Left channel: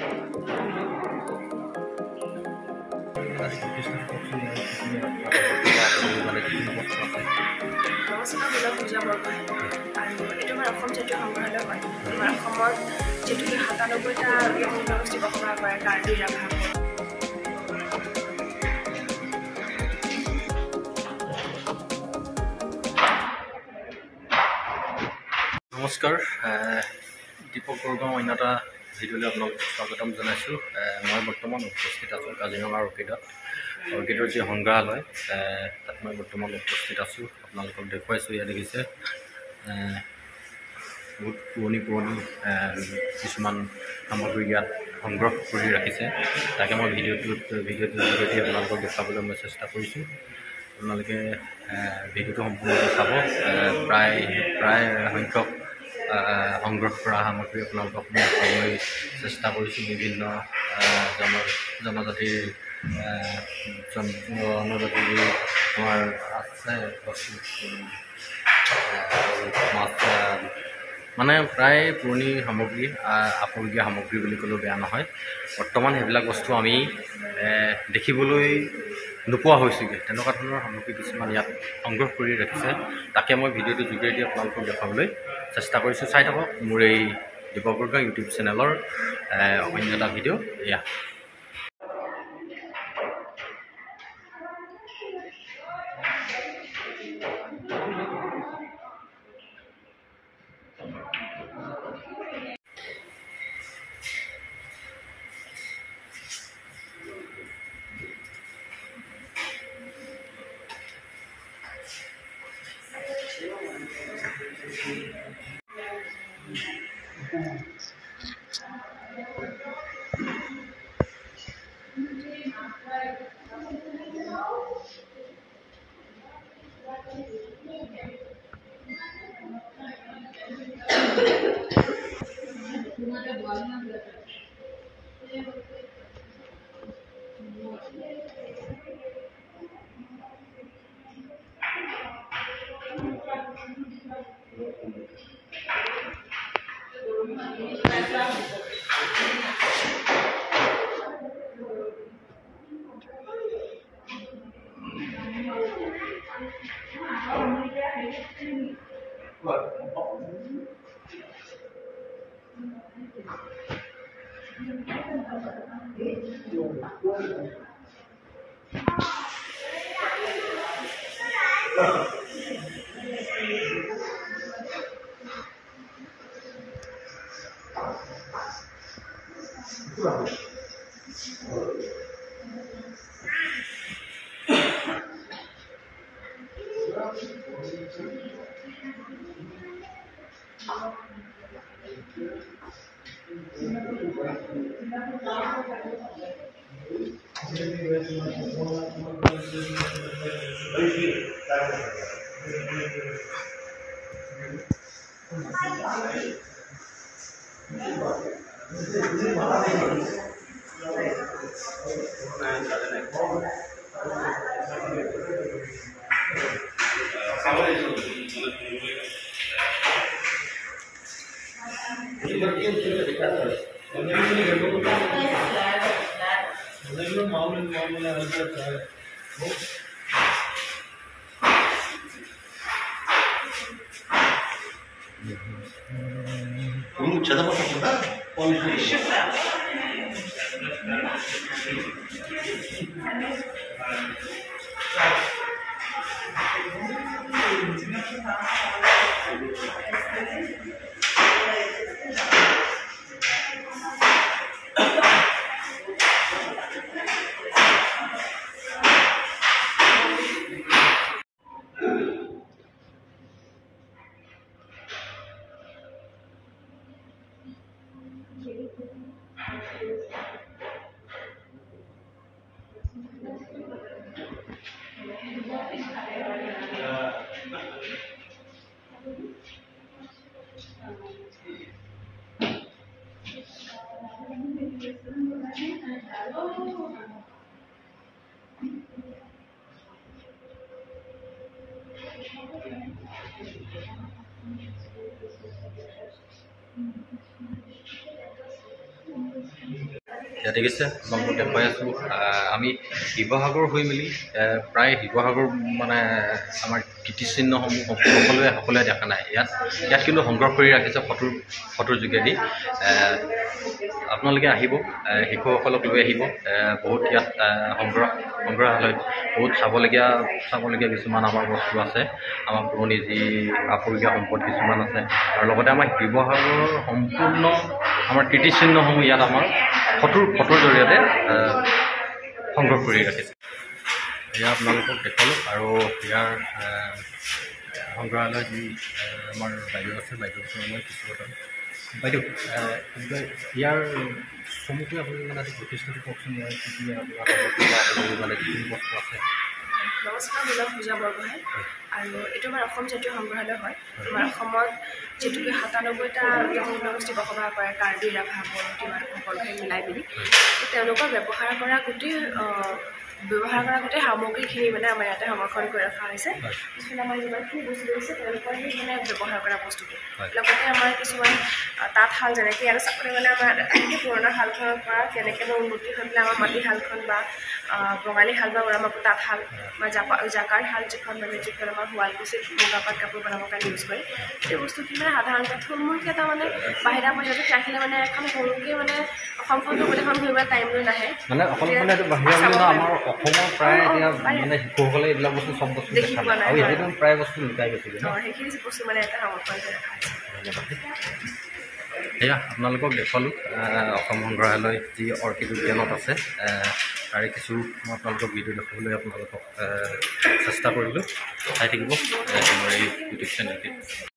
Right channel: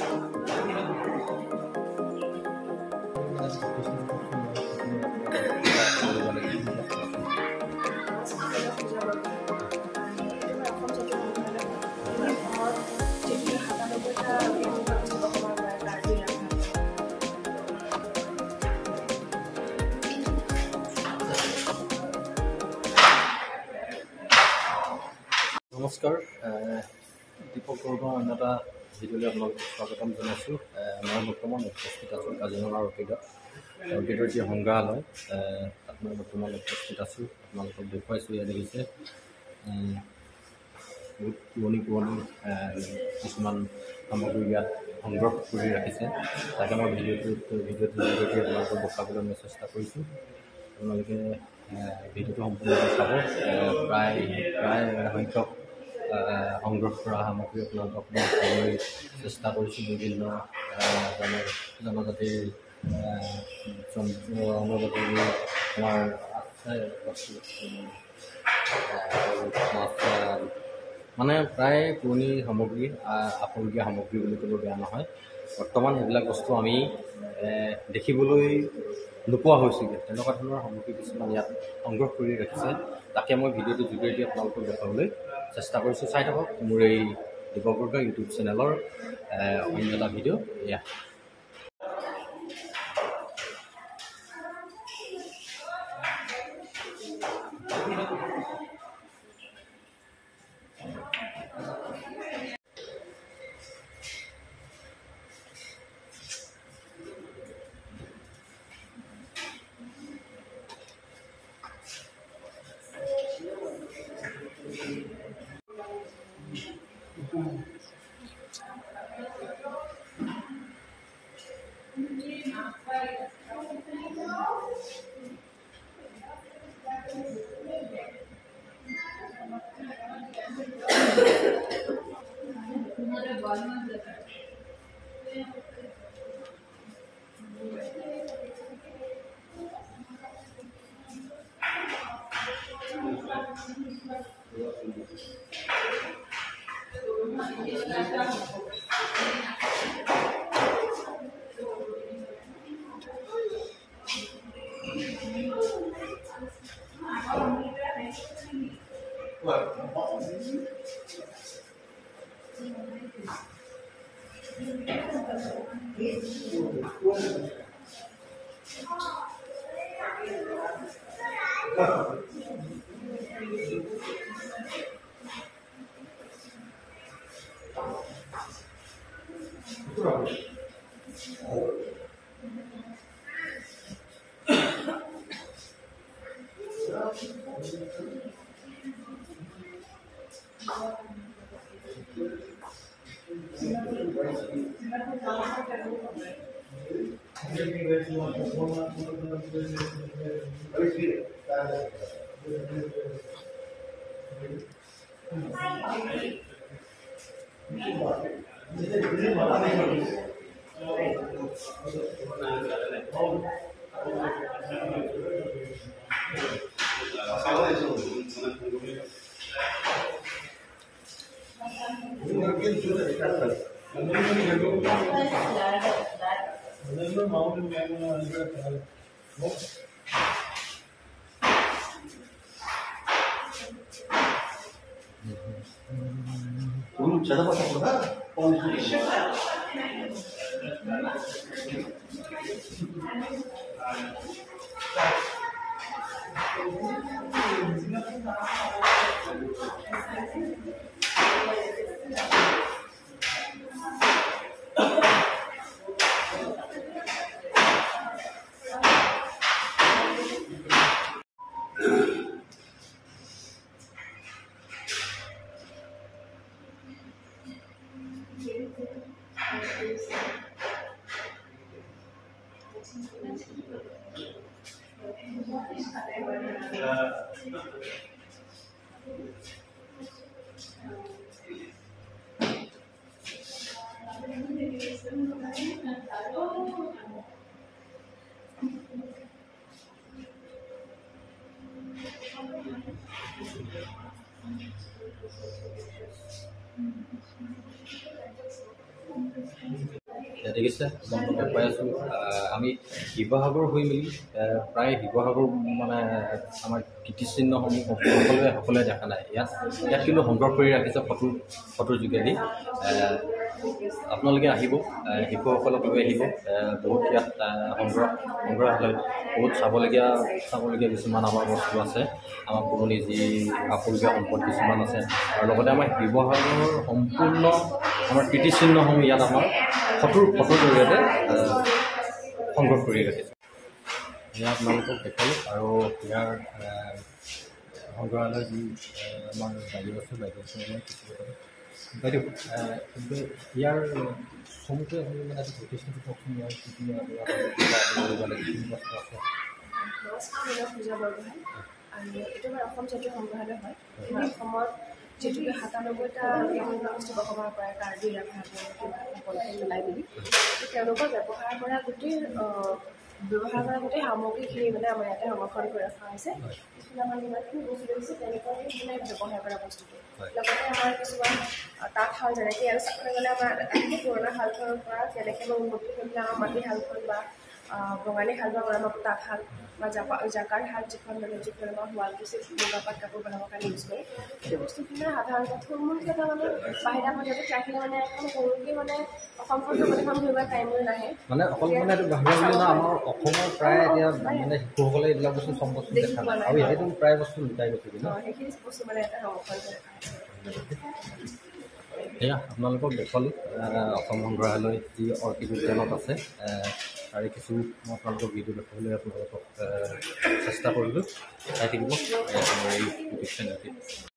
নমস্কাৰ, মই পূজা বৰগোহাঁই আৰু এইটো আমাৰ অসম জাতীয় সংগ্ৰহালয় হয়। আমাৰ অসমত যিটো ৯৭টা জনগোষ্ঠী বসবাস কৰে কাৰ্বি ৰাভা। নমস্কাৰ, দীপক বৰগাঁও অন্য এটা ভিডিঅ'লৈ আপোনালোকক স্বাগতম জনাইছোঁ। মই বৰ্তমান উপস্থিত আছোঁ কাজিৰঙা অৰ্কিডৰ যি সংগ্ৰহালয় তাত মই বৰ্তমান উপস্থিত আছোঁ। আপোনালোকক দেখুৱাইছোঁ। ইয়াত দেখিছে বহুত পুৰণি কিছুমান সামগ্ৰী ইয়াত সংগ্ৰহ কৰি ৰাখিছে। তাকে মই ভিডিঅ'টোৰ জৰিয়তে আপোনালোকক দেখুৱাবলৈ মই চেষ্টা কৰিছোঁ। আপোনালোকে ভিডিঅ'টো সম্পূৰ্ণ চাব। প্ৰায় সংখ্যক সংগ্ৰহ কৰা সামগ্ৰী আপোনালোকক মই দেখুৱাবলৈ চেষ্টা কৰিছোঁ। বিভিন্ন জনজাতিৰ আমাৰ আছে বস্তু, মাছ মানে প্ৰায় পুৰণি সামগ্ৰী, আপুৰুগীয়া সামগ্ৰী বুলি ক'লেও বেয়া নহয়। বৰ্তমান সেইবিলাক বস্তু আমি দেখিবলৈ নোপোৱা হৈছোগৈ। তেনেকুৱা ধৰণৰ সামগ্ৰী কিছুমান ইয়াত সংগ্ৰহ কৰি ৰাখিছে। তাকে মই ভিডিঅ'টোৰ যোগেদি আপোনালোকক দেখুৱাবলৈ চেষ্টা কৰিছোঁ। চাই থাকক মোৰ এই দীপক বৰগাঁও ইউটিউব চেনেলৰ অন্য এটা ভিডিঅ'। এয়া ইয়াত দেখিছে আপোনালোকক দেখুৱাই আছোঁ আমি শিৱসাগৰ হৈ মেলি প্ৰায় শিৱসাগৰ মানে আমাৰ কীৰ্তিচিহ্নসমূহ সকলোৱে দেখা নাই ইয়াত কিন্তু সংগ্ৰহ কৰি ৰাখিছে ফটোৰ যোগেদি আপোনালোকে আহিব শিশুসকলক লৈ আহিব বহুত ইয়াত সংগ্ৰহালয়ত বহুত চাবলগীয়া কিছুমান আমাৰ বস্তু আছে আমাৰ পুৰণি যি আপুৰুগীয়া সম্পদ কিছুমান আছে আৰু লগতে আমাৰ শিৱসাগৰৰ সম্পূৰ্ণ আমাৰ কীৰ্তিচিহ্নসমূহ ইয়াত আমাৰ ফটোৰ জৰিয়তে সংগ্ৰহ কৰি ৰাখিছে এয়া আপোনালোকক দেখালোঁ আৰু ইয়াৰ সংগ্ৰহালয় যি আমাৰ বাইদেউ আছে বাইদেউৰ মই কিছু কথা বাইদেউ ইয়াৰ চমুকৈ আপুনি মানে প্ৰতিষ্ঠাটো কওকচোন ইয়াৰ মানে যিখিনি বস্তু আছে নমস্কাৰ মই পূজা বৰগোহাঁই আৰু এইটো আমাৰ অসম জাতীয় সংগ্ৰহালয় হয় আমাৰ অসমত যিহেতুকে ৯৭টা জনগোষ্ঠী বসবাস কৰে কাৰ্বি ৰাভা বড়ো তিৱা সকলোকে মিলাই মেলি তেওঁলোকৰ ব্যৱহাৰ কৰা গোটেই সামগ্ৰীখিনি মানে আমাৰ ইয়াতে সংৰক্ষণ কৰি ৰখা হৈছে পিছফালে আমাৰ যিমানখিনি বস্তু দিছে তেওঁলোকৰ সেই মানে ব্যৱহাৰ কৰা বস্তুটো লগতে আমাৰ কিছুমান তাঁতশাল যেনেকৈ আৰু চাবলৈ গ'লে আমাৰ পুৰণা শালখনৰ পৰা কেনেকৈ বা উন্নতি হৈ পেলাই আমাৰ মাটিশালখন বা বঙালী শাল বা আমাৰ তাঁতশাল বা জাকাৰ শাল যিখন মানে যিখন আমাৰ শুৱালকুছিত মুগাপাট কাপোৰ বনাবৰ কাৰণে ইউজ কৰে সেই বস্তুখিনি মানে সাধাৰণতে থুলমূলকৈ এটা মানে বাহিৰা পৰ্যায়ত ৰাখিলে মানে এখন সৰুকৈ মানে অসমখনটো গোটেইখন ঘূৰিবলৈ টাইম লৈ নাহে মানে অকল মানে এইটো বাহিৰা আমাৰ অসমৰ প্ৰায় এতিয়া মানে শিশুসকলে এইবিলাক বস্তু চব বস্তু দেখি পোৱা নাই আৰু এইটো প্ৰায় বস্তু লুকাই গৈছে সেইখিনি বস্তু মানে এটা সংৰক্ষণ কৰি ৰখা হৈছে এয়া আপোনালোকক দেখুৱালোঁ অসম সংগ্ৰহালয় যি অৰ্কিড উদ্যানত আছে তাৰে কিছু মই আপোনালোকক ভিডিঅ' দেখুৱাবলৈ আপোনালোকক চেষ্টা কৰিলোঁ চাই থাকিব আমাৰ এই ইউটিউব চেনেলটিত